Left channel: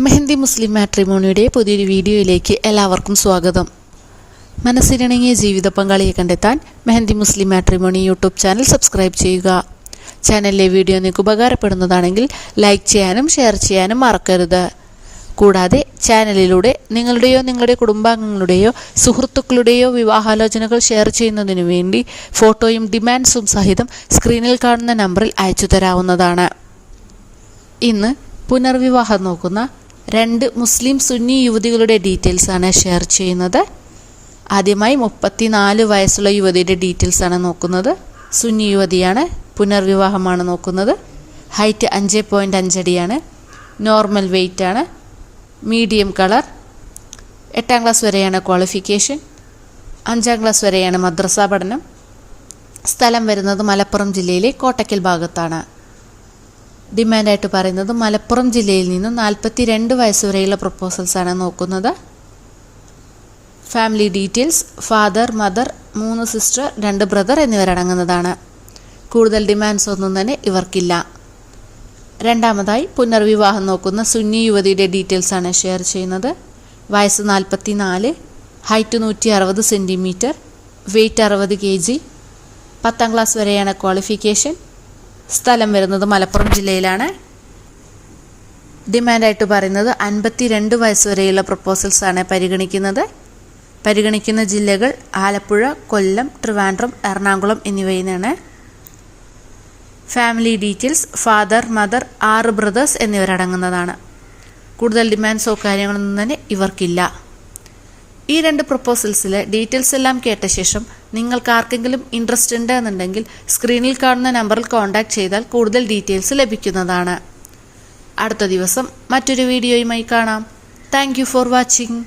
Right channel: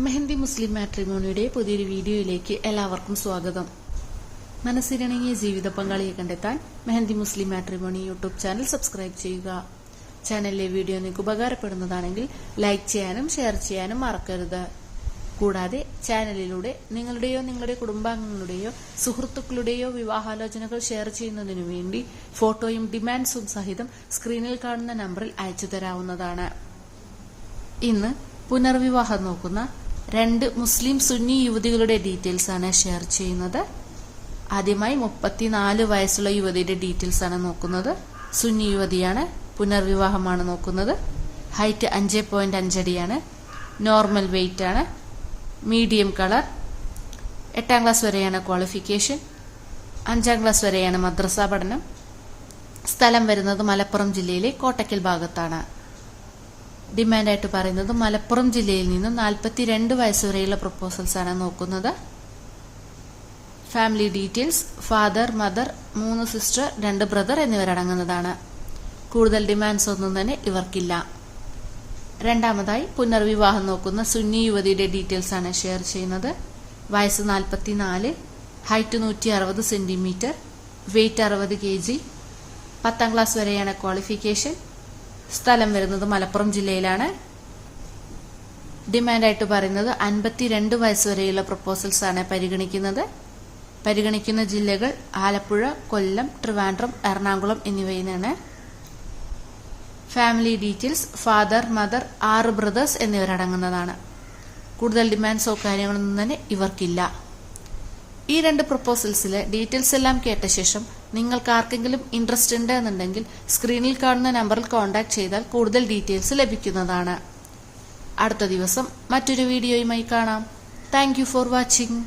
മെഹന്തി മുസ്ലിം മാട്രിമോണിയുടെ പുതിയൊരു വീഡിയോയിലേക്ക് എല്ലാവർക്കും സ്വാഗതം. മനസ്സിനിണങ്ങിയ ജീവിത പങ്കാളിയെ കണ്ടെത്താൻ Mehandi Muslim matrimony YouTube channel subscribe ചെയ്യുക. ചാനലിലെ വീഡിയോ നിങ്ങൾക്ക് ഉപകാരപ്പെടുന്നതാണെങ്കിൽ ലൈക്ക് ചെയ്യാനും ഷെയർ ചെയ്യാനും മറക്കരുത്. കൂടാതെ ചാനലിലൂടെ നിങ്ങളുടെയോ നിങ്ങളുടെ കുടുംബാംഗങ്ങളുടെയോ സുഹൃത്തുക്കളുടെയോ വിവാഹാലോചനകൾ ഷെയർ ചെയ്യുന്നതിനു വേണ്ടി ഫോട്ടോയും ഡിമാൻഡ്സും സഹിതം സ്ക്രീനിൽ കാണുന്ന നമ്പറിൽ അയച്ചു തരാവുന്നതാണ്. ഇന്ന് പുനർവിവാഹം നോക്കുന്ന രണ്ട് മുസ്ലിം സുന്നി യുവതികളുടെ ഡീറ്റെയിൽസ് ആണ് ഷെയർ ചെയ്യുന്നത്. ആദ്യമായി മുപ്പത്തിനാല് വയസ്സുള്ള യുവതിയുടെ ഡീറ്റെയിൽസ് ആണ് നോക്കുന്നത്. സുന്നി യുവതിയാണ് പുനർവിവാഹമാണ് നോക്കുന്നത്. ഹൈറ്റ് അഞ്ച് പോയിന്റ് അഞ്ചടിയാണ് നോർമൽ വെയിറ്റ് ആണ്. മീഡിയം കളർ എട്ടാം ക്ലാസ് വരെയാണ് ക്വാളിഫിക്കേഷൻ അഞ്ചാം ക്ലാസ് വരെയാണ് മദ്രസ പഠനം. സ്ഥലം വരുന്നത് മലപ്പുറം ജില്ലയിലെ കോട്ടക്കൽ ഭാഗത്താണ്. ഡിമാൻഡായിട്ട് പറയുന്നത് മലപ്പുറം ജില്ലയിൽ നിന്ന് നാൽപ്പത്തി രണ്ട് വയസ്സ് വരെയുള്ള പ്രപ്പോസൽസ് ആണ് നോക്കുന്നത്. ഫാമിലി ഡീറ്റെയിൽസ് ഫാദർ മദർ മൂന്ന് സിസ്റ്റർ രണ്ട് ബ്രദർ എന്നിവരടങ്ങുന്നതാണ്. കൂടുതൽ ഡിമാൻഡ്സ് ഒന്നും തന്നെ ഇവർക്കില്ല. രണ്ടാമതായി പുനർവിവാഹം നോക്കുന്ന സുന്നി യുവതിയുടെ ഡീറ്റെയിൽസ് ആണ് ഷെയർ ചെയ്യുന്നത്. വയസ്സ് നാൽപ്പത്തി നാല് ഹൈറ്റ് നൂറ്റി അറുപത് സെന്റിമീറ്റർ വെയ്റ്റ് അറുപത് കെ ജി പത്താം ക്ലാസ് വരെയാണ് ക്വാളിഫിക്കേഷൻ സ്ഥലം വരുന്നത് മലപ്പുറം ജില്ലയിലാണ്. ഡിമാൻഡായിട്ട് പറയുന്നത് അൻപത്തി രണ്ട് വയസ്സ് വരെയുള്ള പ്രപ്പോസൽസ് ആണ് പരിഗണിക്കുന്നത്. പരിഗണിക്കുന്ന ജില്ലകൾ ആലപ്പുഴ കൊല്ലം ട്രിവാൻഡ്രം എറണാകുളം എന്നിവയിൽ നിന്നാണ് ഫാമിലി ഡീറ്റെയിൽസ് ഫാദർ മദർ ആറ് ബ്രദേഴ്സ് എന്നിവരടങ്ങുന്നതാണ്. കൂടുതൽ ഡിമാൻഡ്സോ കാര്യങ്ങളൊന്നും തന്നെ ഇവർക്കില്ല. ഈ രണ്ട് പ്രൊപ്പോസൽസിലെ ഡീറ്റെയിൽസ് എല്ലാം കേട്ട ശേഷം നിങ്ങൾക്ക് ആർക്കെങ്കിലും ഇൻട്രസ്റ്റ് ഉണ്ട് എന്നുണ്ടെങ്കിൽ സ്ക്രീനിൽ കാണുന്ന നമ്പറിൽ കോൺടാക്ട് ചെയ്താൽ കൂടുതൽ ഡീറ്റെയിൽസ് ലഭിക്കുന്നതാണ്. അടുത്ത ദിവസം മറ്റൊരു വീഡിയോയുമായി കാണാം. Thank for watching